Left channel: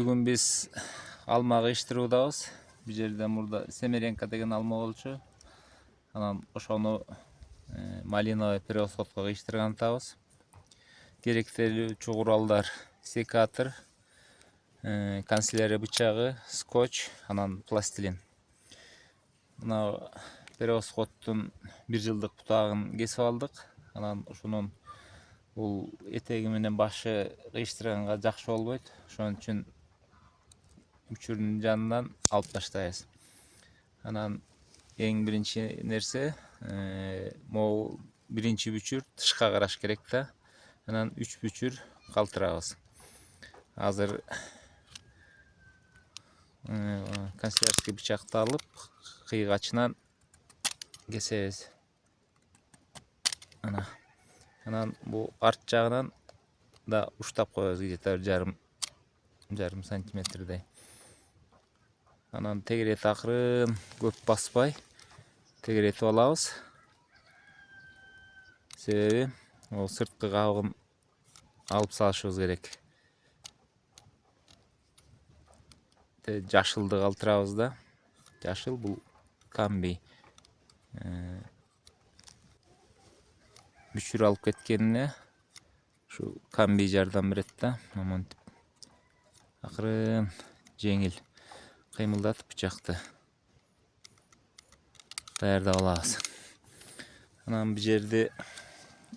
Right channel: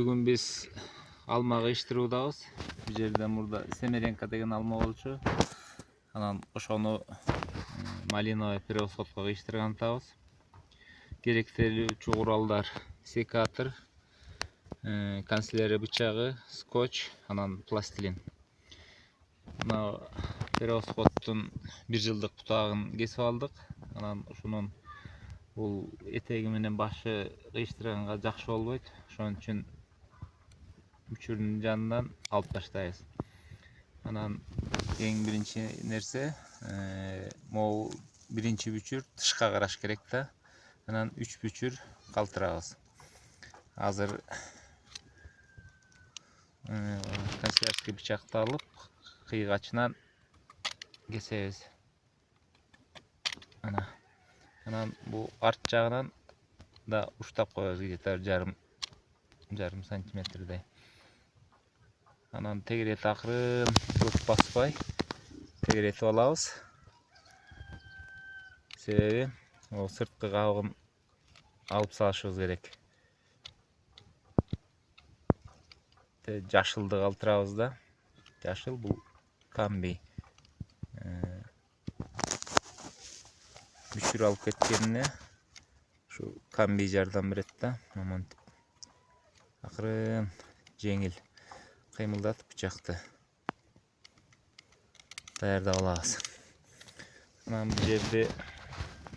Bugün biz alma kıyıştırуудabız. Bu жерден burada Semerenka деген alma болчу. Анан ошону малиновый превосходко кыйыштырган атабыз. Керектелүүчү куралдар: секатор, канцелярия бычагы, скотч, анан пластилин. Мына превосходтун 1 жылдык бутагын кесип алдык. Анан ушунун бул этеги менен башы кыйыштырганга жакшы болбойт. Ошон үчүн үчүрдүн жанынан алып таштайбыз. Анан эң биринчи нерсе могул биринчи бүчүр тышка караш керек да. Анан 3 бүчүр калтырабыз. Азыр канцелярский бычакты алып кыйгачынан кесебиз. Анан бул арт жагынан да уштап коебуз, где-то жарым сантиметрдей. Анан тегерети акырын көп баспай тегеретип алабыз. Себеби ол сырткы кабыгын алып салышыбыз керек. Жашылды калтырабыз да. Жашыл бул камбий. Бүчүр алып кеткенине ушу камбий жардам берет да. Моментип акырын жеңил кыймылдатып бычакты даярдап алабыз. Анан бул жерде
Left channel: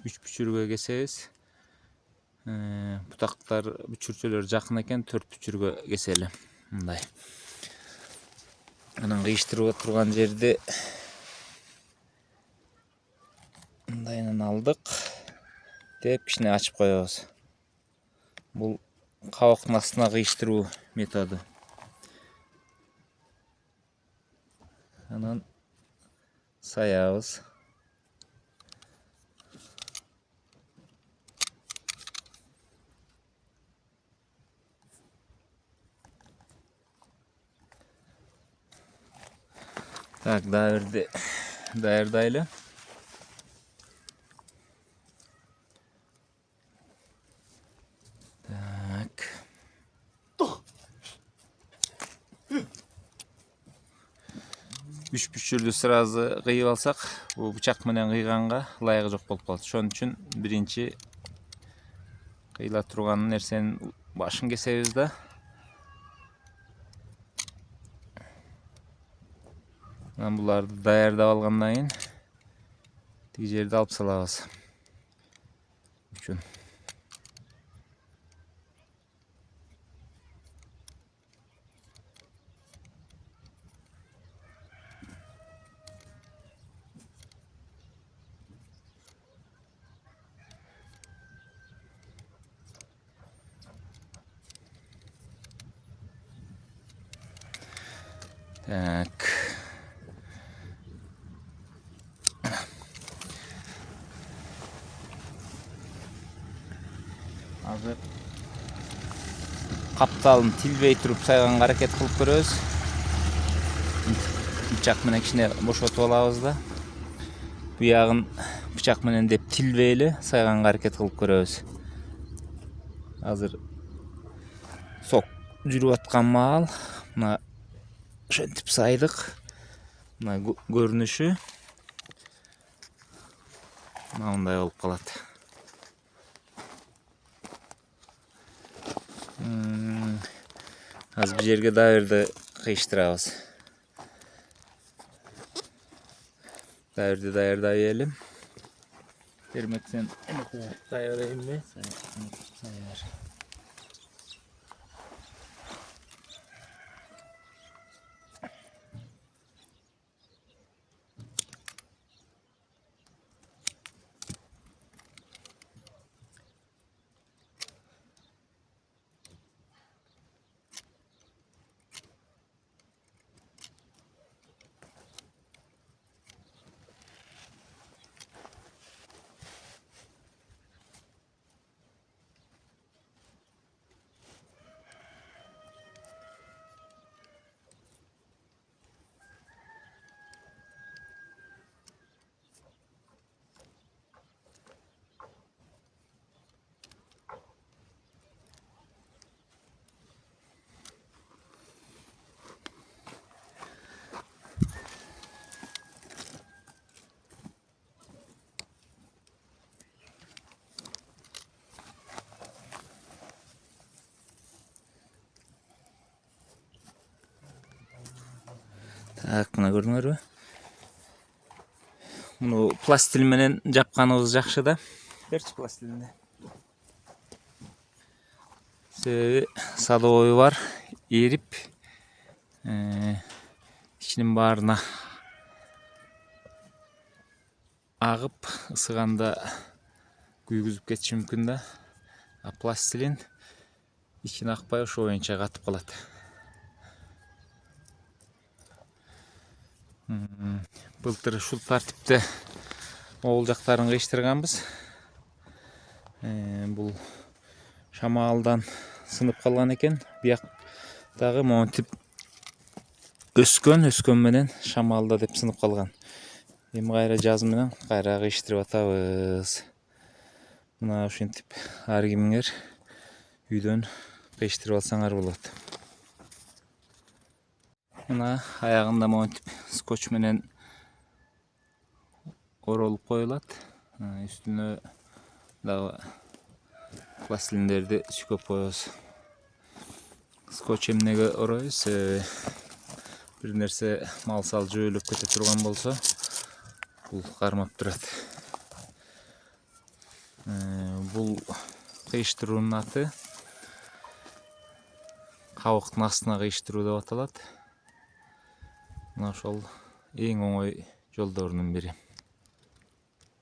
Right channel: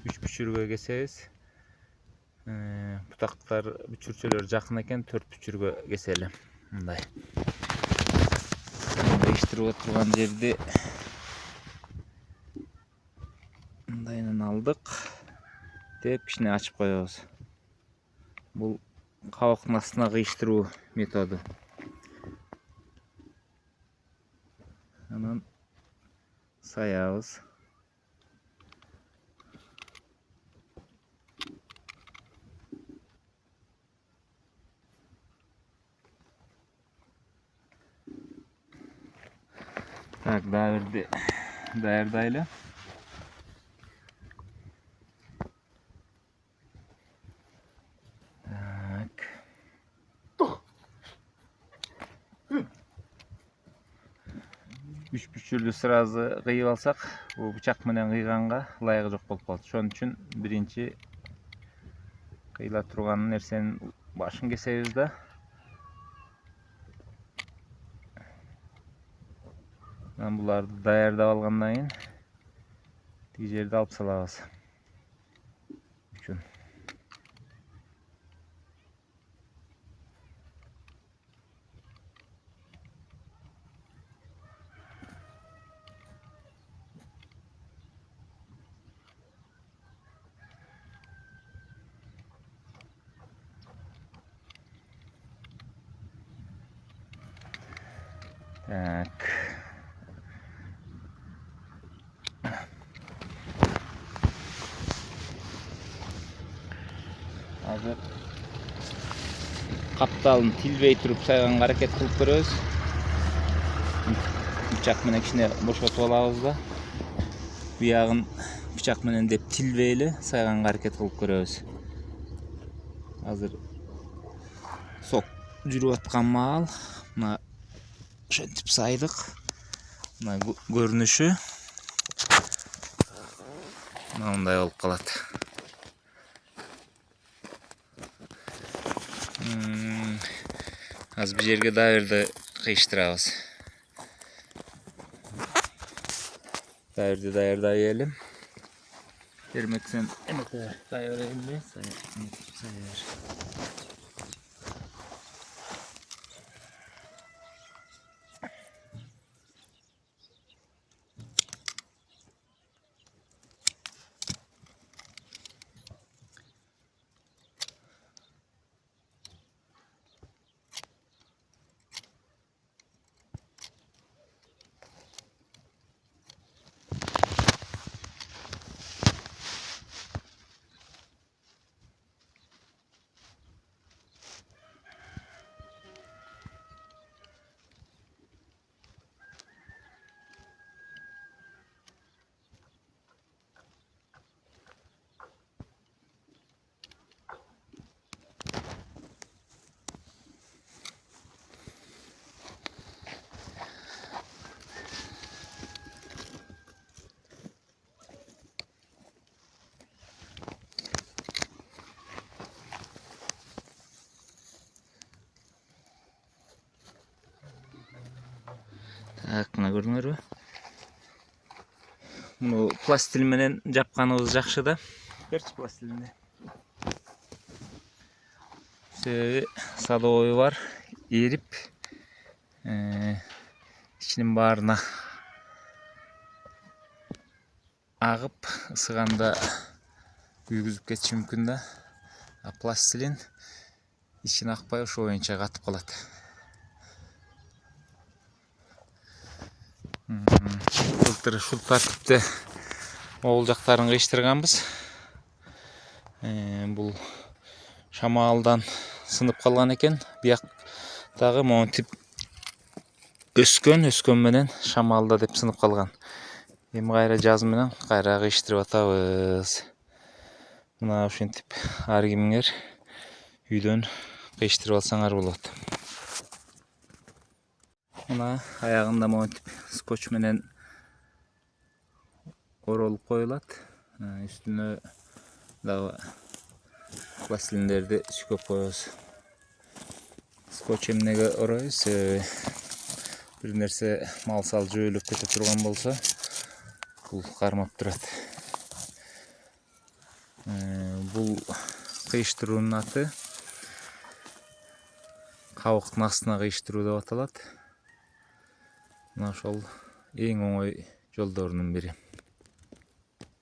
3 бүчүргө кесебиз. Бутактар бүчүрчөлөр жакын экен, 4 бүчүргө кесели. Мындай. Кыйыштырып турган жерде мындайынан алдык деп кичине ачып коебуз. Бул кабыктын астына кыйыштыруу методу. Анан саябыз. Так, даярдайлы. Так. Үч бүчүрдү сразу кыйып алсак, бул бычак менен кыйганга ылайыгы жок болуп калат. Ошон үчүн биринчи кыйыла турган нерсенин башын кесебиз да. Анан буларды даярдап алгандан кийин тиги жерди алып салабыз. Үчүн. Так. Азыр капталын тилбей туруп сайганга аракет кылып көрөбүз. Бычак менен кичине бошотуп алабыз да. Буягын бычак менен деп тилбейли сайганга аракет кылып көрөбүз. Азыр сок жүрүп аткан маал мына ошентип сайдык. Мына көрүнүшү мындай болуп калат. Азыр бул жерге дайырды кыйыштырабыз. Дайырды даярдай элем. Бермек сен даярдайбы? Сайыр. Аяқына көрдүңөрбү? Муну пластилин менен жапканыбыз жакшы да. Берчи пластилинди. Себеби садовой бар, эрип, ичинин баарына агып, ысыганда күйгүзүп кетиши мүмкүн да. А пластилин ичине акпай ошо боюнча катып калат. Былтыр ушул тартипте могул жактарын кыйыштырганбыз. Бул шамалдан сынып калган экен. Бияктагы монтип өскөн менен шамалда деп сынып калган. Эми кайра жаз менен кайра кыйыштырып атабыз. Мына ушинтип ар кимиңер үйдөн кыйыштырып алсаңар болот. Мына аягында монтип скотч менен оролуп коюлат. Үстүнө дагы пластилиндерди сүкөп коебуз. Скотч эмнеге ороебуз? Бир нерсе мал-сал жөөлөп кете турган болсо, бул кармап турат. Бул кыйыштыруунун аты кабыктын астына кыйыштыруу деп аталат. Мына ошол эң оңой жолдорунун бири.